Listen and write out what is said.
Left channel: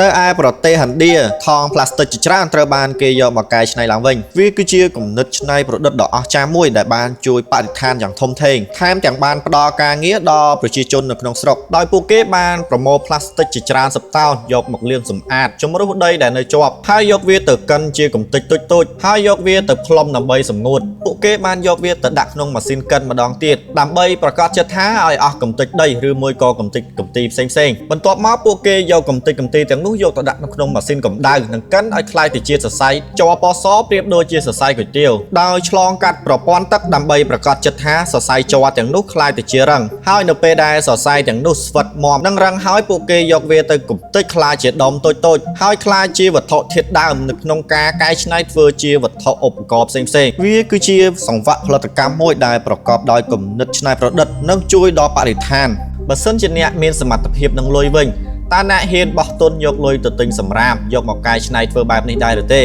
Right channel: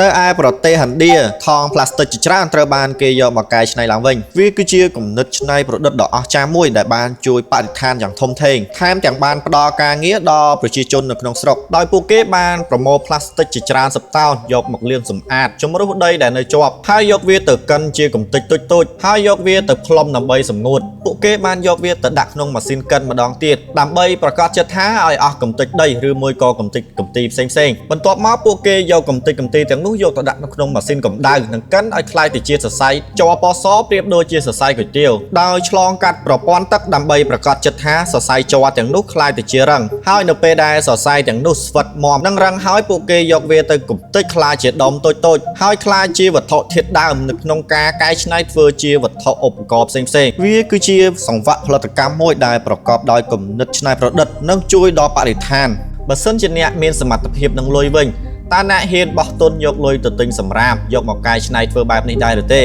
នៅឯប្រទេសឥណ្ឌាថង់ផ្លាស្ទិកជាច្រើនត្រូវបានគេយកមកកែច្នៃឡើងវិញវាគឺជាគំនិតច្នៃប្រឌិតដ៏អស្ចារ្យមួយដែលបានជួយបរិស្ថានយ៉ាងធំធេងថែមទាំងបានផ្ដល់ការងារដល់ប្រជាជននៅក្នុងស្រុកដោយពួកគេបានប្រមូលផ្លាស្ទិកជាច្រើនសិបតោនយកមកលាងសម្អាតជំរុះដីដែលនៅជាប់ហើយយកវាទៅកិនជាកម្ទេចតូចៗហើយយកវាទៅផ្លុំដើម្បីសម្ងួតពួកគេបានយកវាទៅដាក់ក្នុងម៉ាស៊ីនកិនម្ដងទៀតដើម្បីប្រកាសចិត្តថាឲ្យអស់កម្ទេចដីឬមួយក៏កម្ទេចកម្ទីផ្សេងៗបន្ទាប់មកពួកគេយកកម្ទេចកម្ទីទាំងនោះយកទៅដាក់នៅក្នុងម៉ាស៊ីនកម្ដៅនិងកិនឲ្យក្លាយទៅជាសរសៃជ័រពណ៌សប្រៀបដូចជាសរសៃគុយទាវដោយឆ្លងកាត់ប្រព័ន្ធទឹកដើម្បីប្រកាសចិត្តថាសរសៃជ័រទាំងនោះក្លាយទៅជារឹងហើយនៅពេលដែលសរសៃទាំងនោះស្វិតមាំនិងរឹងហើយពួកគេយកវាទៅកម្ទេចក្លាយជាដុំតូចៗហើយក្លាយជាវត្ថុធាតុដើមនៅក្នុងការកែច្នៃធ្វើជាវត្ថុឧបករណ៍ផ្សេងៗវាគឺជាសង្វាក់ផលិតកម្មមួយដែលប្រកបដោយគំនិតច្នៃប្រឌិតនិងជួយដល់បរិស្ថានបើសិនជាអ្នកមានសមត្ថភាពនឹងលុយវិញតើអ្នកហ៊ានបោះទុនយកលុយទៅទិញសម្រាមយកមកកែច្នៃធ្វើបែបនេះដែរឬទេ